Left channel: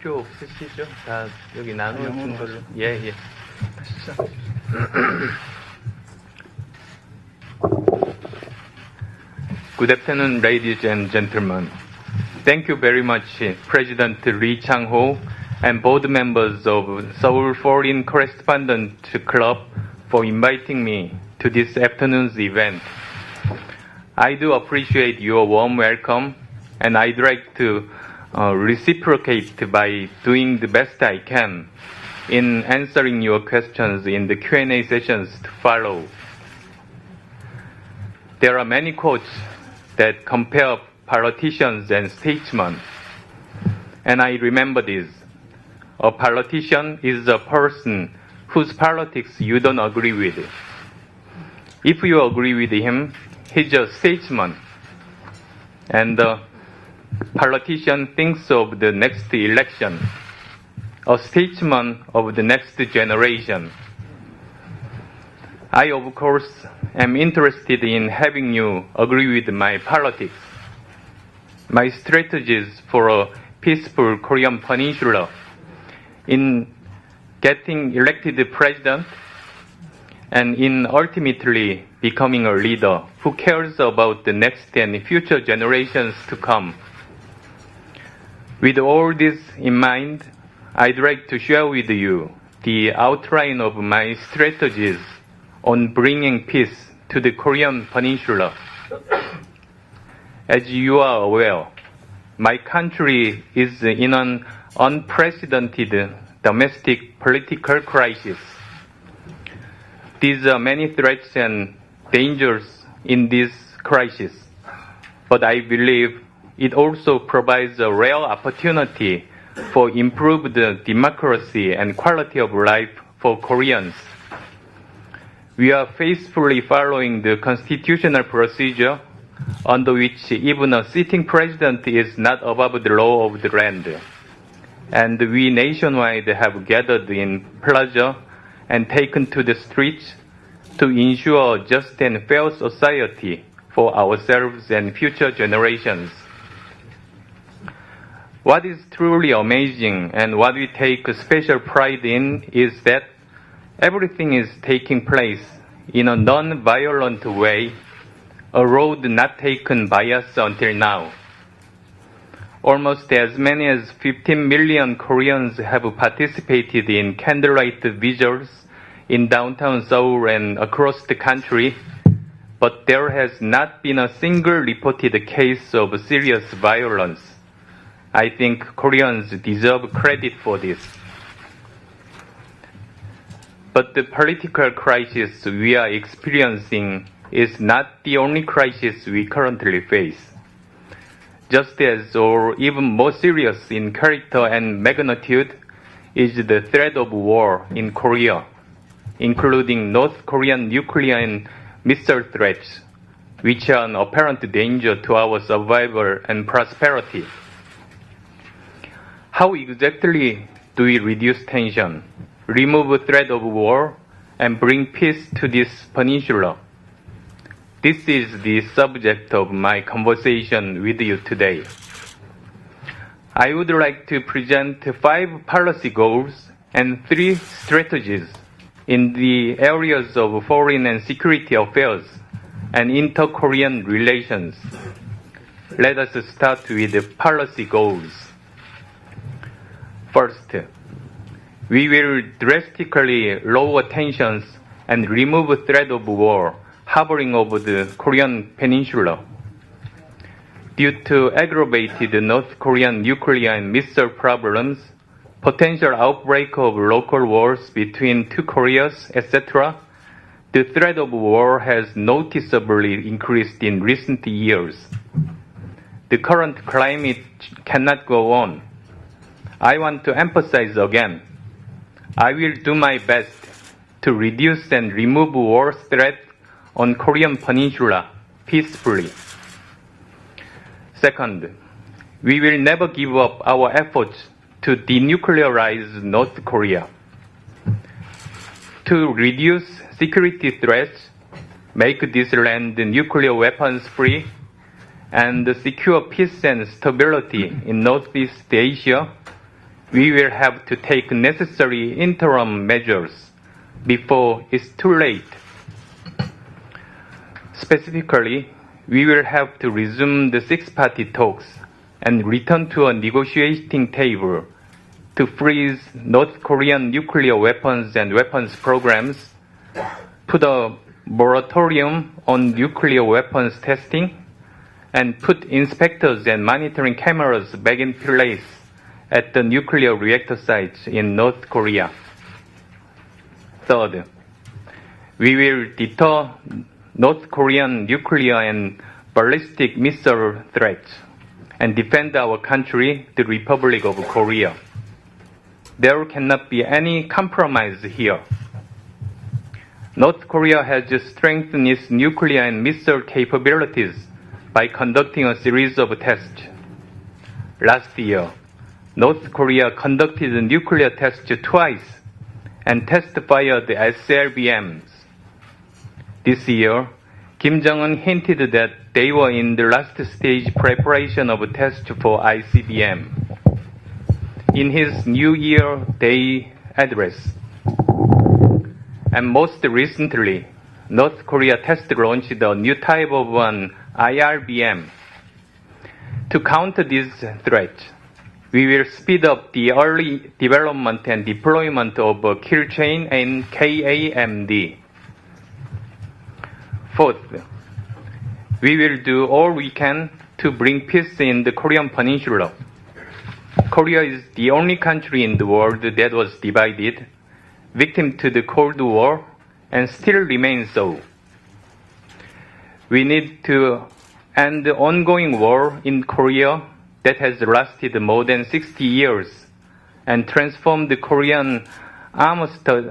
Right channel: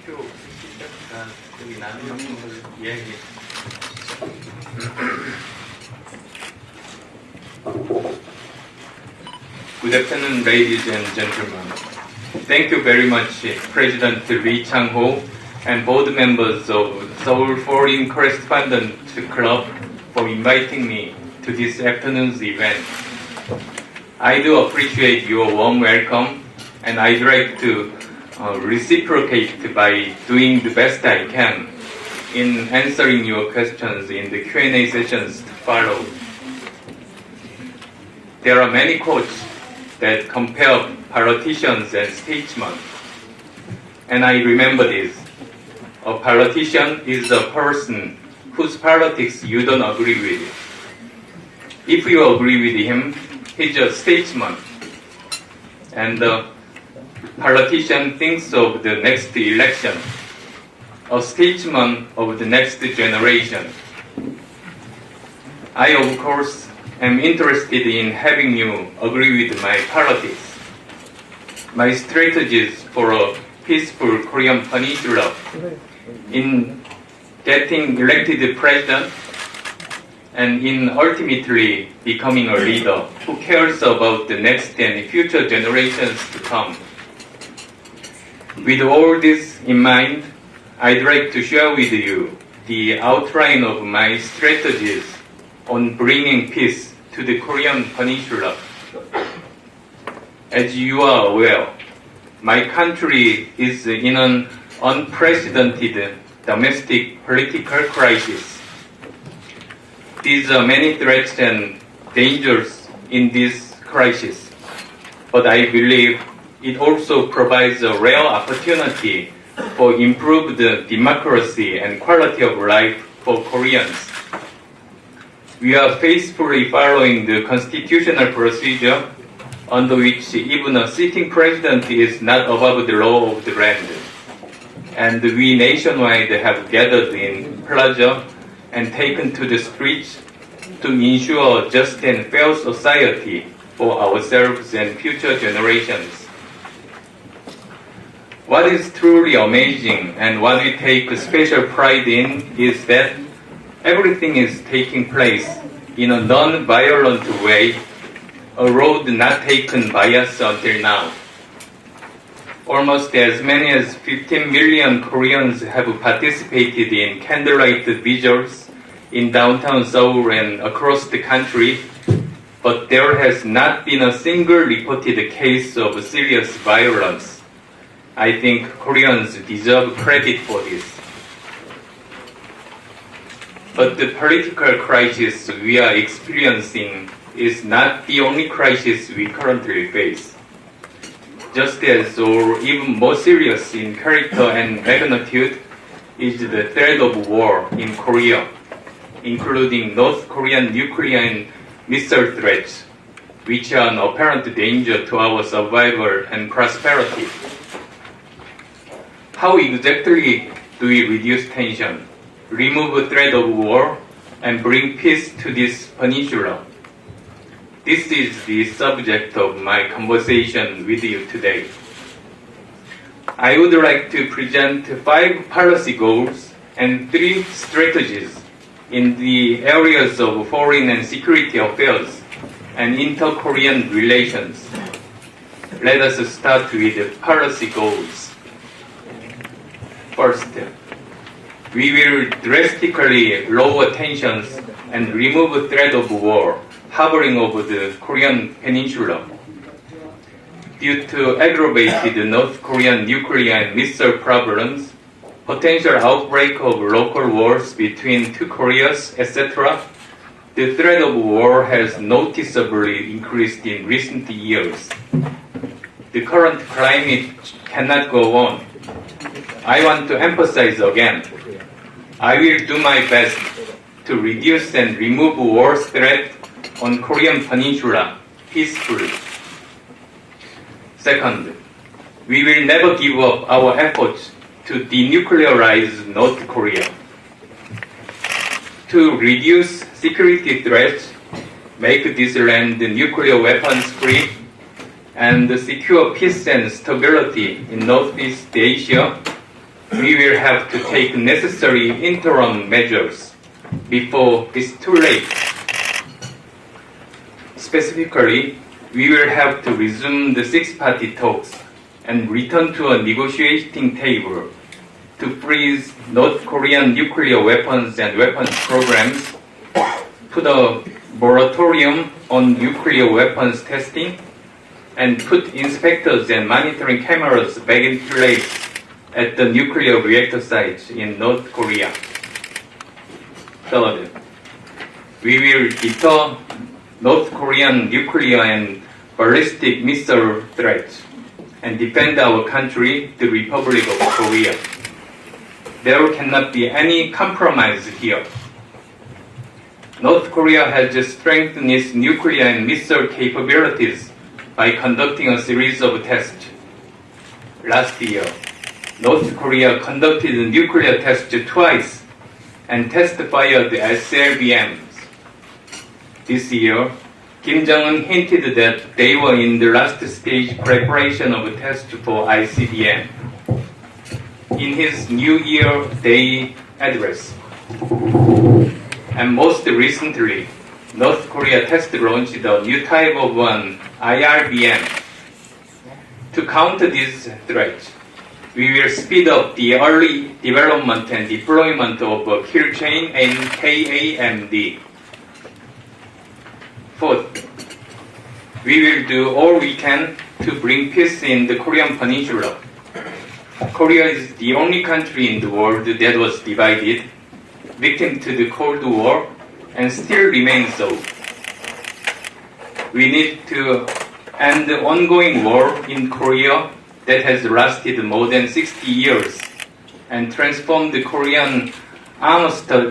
필요 없으시죠? 다 여기 나누신 거를. 예. Good afternoon, ladies and gentlemen. Thank you very much, President Lee Chang-ho and board members of Seoul Foreign Correspondent Club for inviting me to this afternoon's event. I do appreciate your warm welcome, and I'd like to reciprocate by doing the best I can in answering your questions in the Q&A sessions to follow. There are many quotes that compare politicians and statesmen, and I remember this. A politician is a person whose politics you don't agree with. If you agree with him, he's a statesman, and the politician thinks of the next election, a statesman of the next generation. I, of course, am interested in having you agree with my politics, my strategies for a peaceful Korean peninsula, in getting elected president, and in ultimately becoming a leader who cares about the next and future generations to come. With all this in mind, I'd like to share with you the outline of my strategies on bringing peace to the Korean peninsula. As you are aware, my country is in an unprecedented domestic political crisis. There are many threats and dangers in this crisis, but I believe it also provides a rare opportunity for improved democracy and quality of life for Koreans. We are faithfully following the constitutional procedure under which even a sitting president is not above the law of the land. And we nationwide have gathered in plaza and taken to the streets to ensure a just and fair society for ourselves and future generations. What is truly amazing and what we take special pride in is that everything is taking place in a non-violent way, a road not taken by us until now. Almost as many as 15 million Koreans have participated in candlelight vigils in downtown Seoul and across the country, but there has not been a single reported case of serious violence. I think Koreans deserve credit for this. But the political crisis we are experiencing is not the only crisis we currently face. Just as, or even more serious in character and magnitude, is the threat of war in Korea, including North Korean nuclear and missile threats, which are an apparent danger to our survival and prosperity. How exactly do we reduce tension, remove the threat of war, and bring peace to this peninsula? This is the subject of my conversation with you today. I would like to present 5 policy goals and 3 strategies in the areas of foreign and security affairs and inter-Korean relations. Let us start with the policy goals. First, we will drastically lower tensions and remove the threat of war hovering over the Korean peninsula. Due to aggravated North Korean nuclear and missile problems, potential outbreak of local wars between two Koreas, etc., the threat of war has noticeably increased in recent years. The current climate cannot go on. I want to emphasize again, I will do my best to reduce and remove war's threat on Korean peninsula peacefully. Second, we will never give up our efforts to denuclearize North Korea. To reduce security threats, make this land nuclear weapons free, and secure peace and stability in Northeast Asia, we will have to take necessary interim measures before it's too late. Specifically, we will have to resume the six-party talks and return to a negotiating table to freeze North Korean nuclear weapons and weapons programs, put a moratorium on nuclear weapons testing, and put inspectors and monitoring cameras back in place at the nuclear reactor sites in North Korea. Third, we will deter North Korean nuclear and ballistic missile threats and defend our country, the Republic of Korea. There cannot be any compromise here. North Korea has strengthened its nuclear and missile capabilities by conducting a series of tests. Last year, North Korea conducted nuclear tests twice and test-fired SLBMs. This year, Kim Jong-un hinted that they were in the last stage preparation of a test for ICBM. In his New Year Day address. And most recently, North Korea test launched a new type of an IRBM. To counter this threat, we will speed up the early development and deployment of a kill chain and KAMD. Fourth, we will do all we can to bring peace in the Korean Peninsula. Korea is the only country in the world that was divided, victim to the Cold War, and still remains so. We need to end the ongoing war in Korea that has lasted more than 60 years and transform the Korean armistice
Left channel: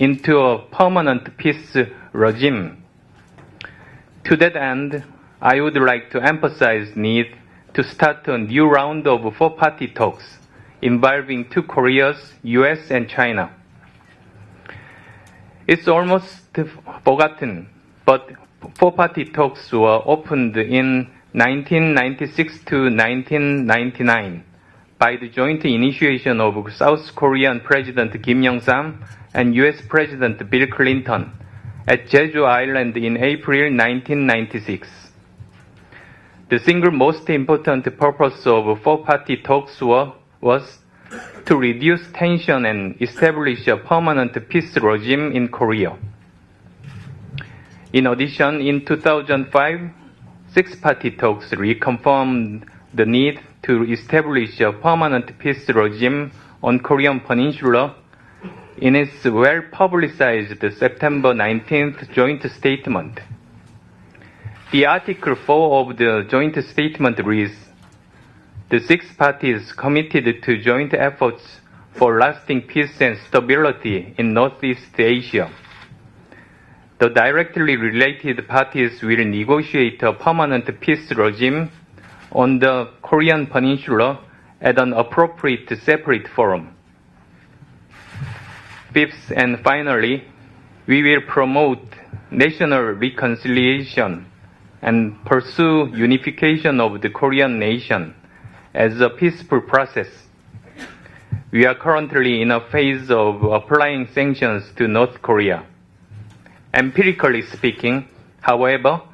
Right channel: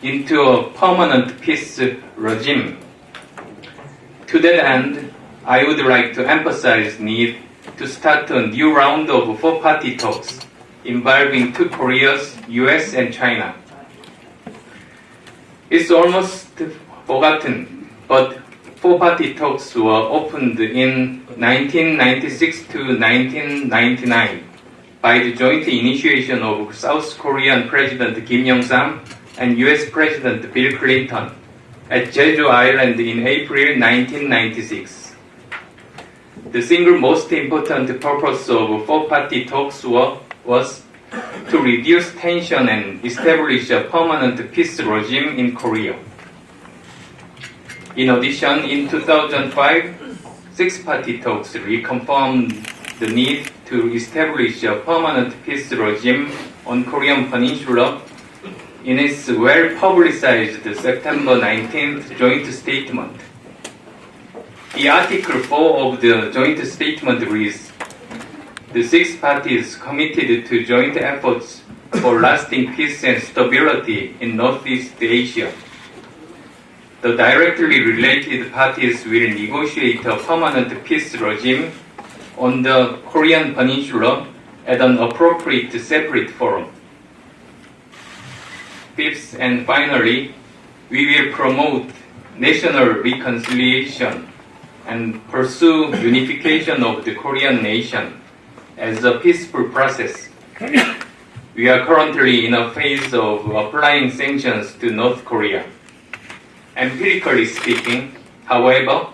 into a permanent peace regime. To that end, I would like to emphasize the need to start a new round of four-party talks involving two Koreas, US and China. It's almost forgotten, but four-party talks were opened in 1996 to 1999 by the joint initiation of South Korean President Kim Yong-sam and US President Bill Clinton at Jeju Island in April 1996. The single most important purpose of four-party talks was to reduce tension and establish a permanent peace regime in Korea. In addition, in 2005, six-party talks reconfirmed the need to establish a permanent peace regime on Korean Peninsula in its well-publicized September 19th joint statement. The Article 4 of the joint statement reads, "The six parties committed to joint efforts for lasting peace and stability in Northeast Asia. The directly related parties will negotiate a permanent peace regime on the Korean Peninsula at an appropriate separate forum. Fifth and finally, we will promote national reconciliation and pursue unification of the Korean nation as a peaceful process. We are currently in a phase of applying sanctions to North Korea. Empirically speaking, however,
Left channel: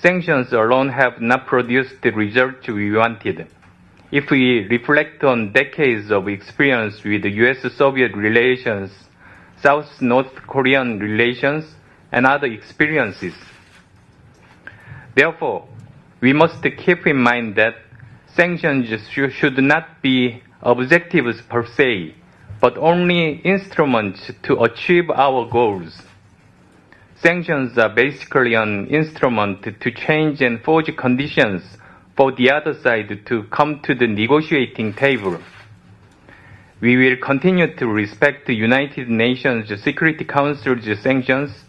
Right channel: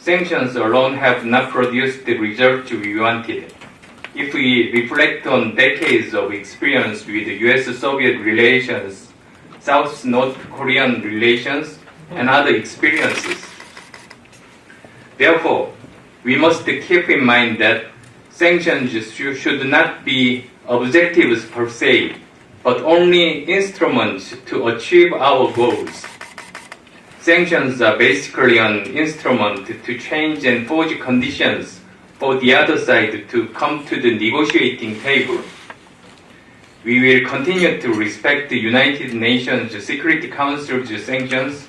sanctions alone have not produced the result we wanted. If we reflect on decades of experience with US-Soviet relations, South-North Korean relations, and other experiences. Therefore, we must keep in mind that sanctions should not be objectives per se, but only instruments to achieve our goals. Sanctions are basically an instrument to change and forge conditions for the other side to come to the negotiating table. We will continue to respect the United Nations Security Council's sanctions,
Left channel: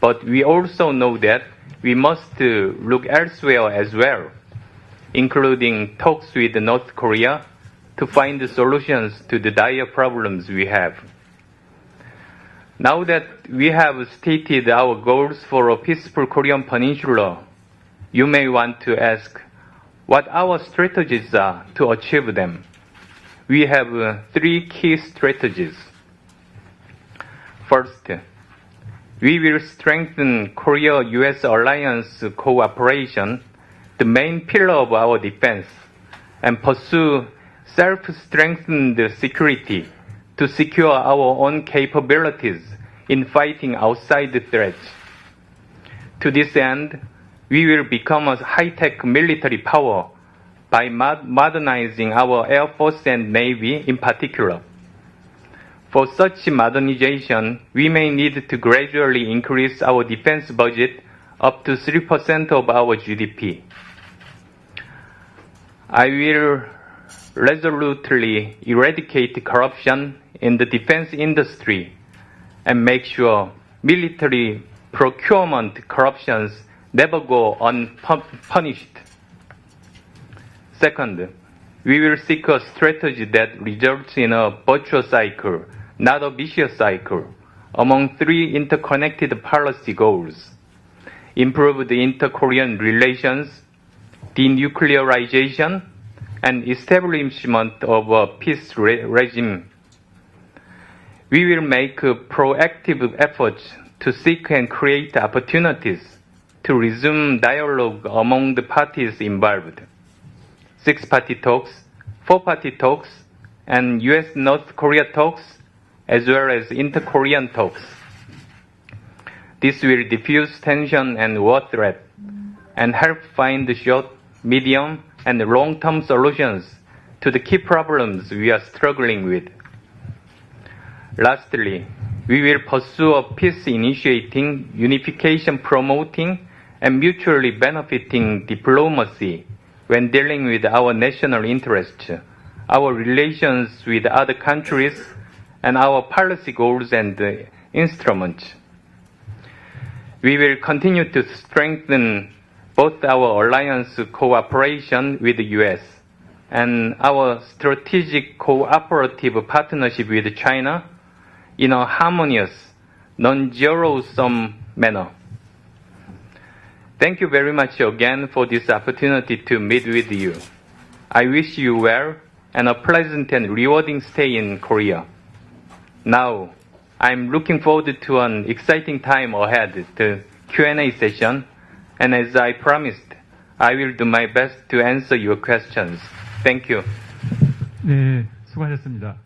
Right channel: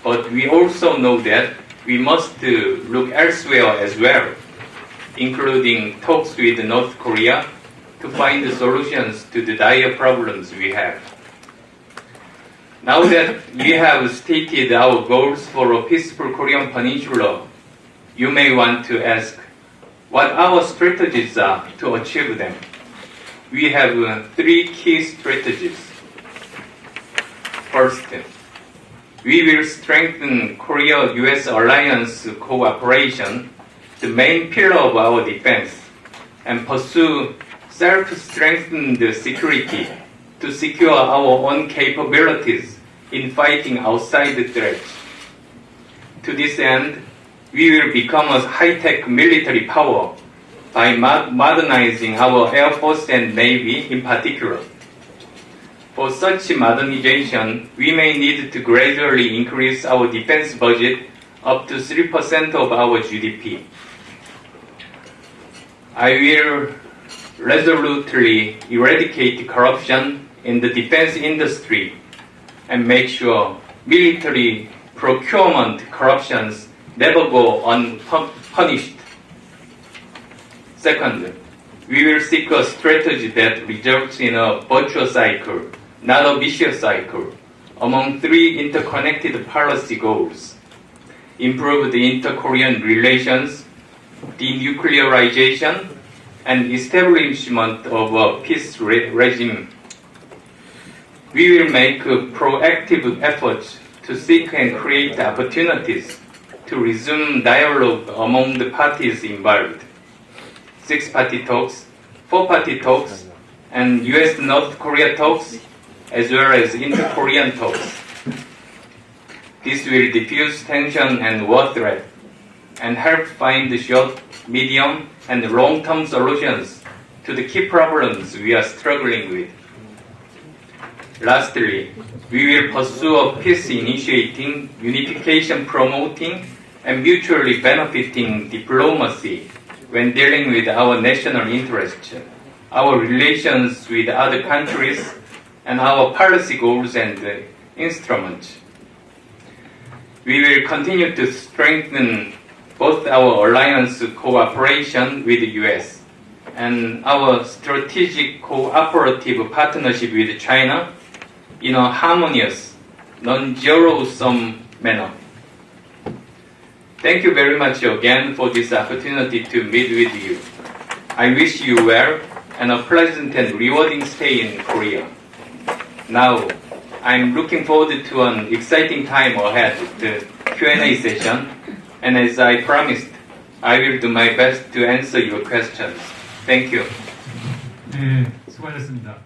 but we also know that we must look elsewhere as well, including talks with North Korea to find solutions to the dire problems we have. Now that we have stated our goals for a peaceful Korean Peninsula you may want to ask what our strategies are to achieve them. We have three key strategies. First, we will strengthen Korea-US alliance cooperation, the main pillar of our defense, and pursue self-strengthened security to secure our own capabilities in fighting outside threats. To this end, we will become a high-tech military power by modernizing our Air Force and Navy in particular. For such modernization, we may need to gradually increase our defense budget up to 3% of our GDP. I will resolutely eradicate corruption in the defense industry and make sure military procurement corruptions never go unpunished. Second, we will seek a strategy that results in a virtuous cycle, not a vicious cycle, among three interconnected policy goals: improve the inter-Korean relations, denuclearization, and establishment of a peace regime. We will make proactive efforts to seek and create opportunities to resume dialogue among the parties involved. 6-party talks, 4-party talks, and US-North Korea talks, as well as inter-Korean talks. This will diffuse tension and war threat, and help find short, medium, and long-term solutions to the key problems we are struggling with. Lastly, we will pursue a peace-initiating, unification-promoting, and mutually benefiting diplomacy when dealing with our national interests, our relations with other countries, and our policy goals and instruments. We will continue to strengthen both our alliance cooperation with the US and our strategic cooperative partnership with China in a harmonious, non-zero-sum manner. Thank you very much again for this opportunity to meet with you. I wish you well and a pleasant and rewarding stay in Korea. Now, I'm looking forward to an exciting time ahead, the Q&A session, and as I promised, I will do my best to answer your questions. Thank you. 네, 수고하셨습니다.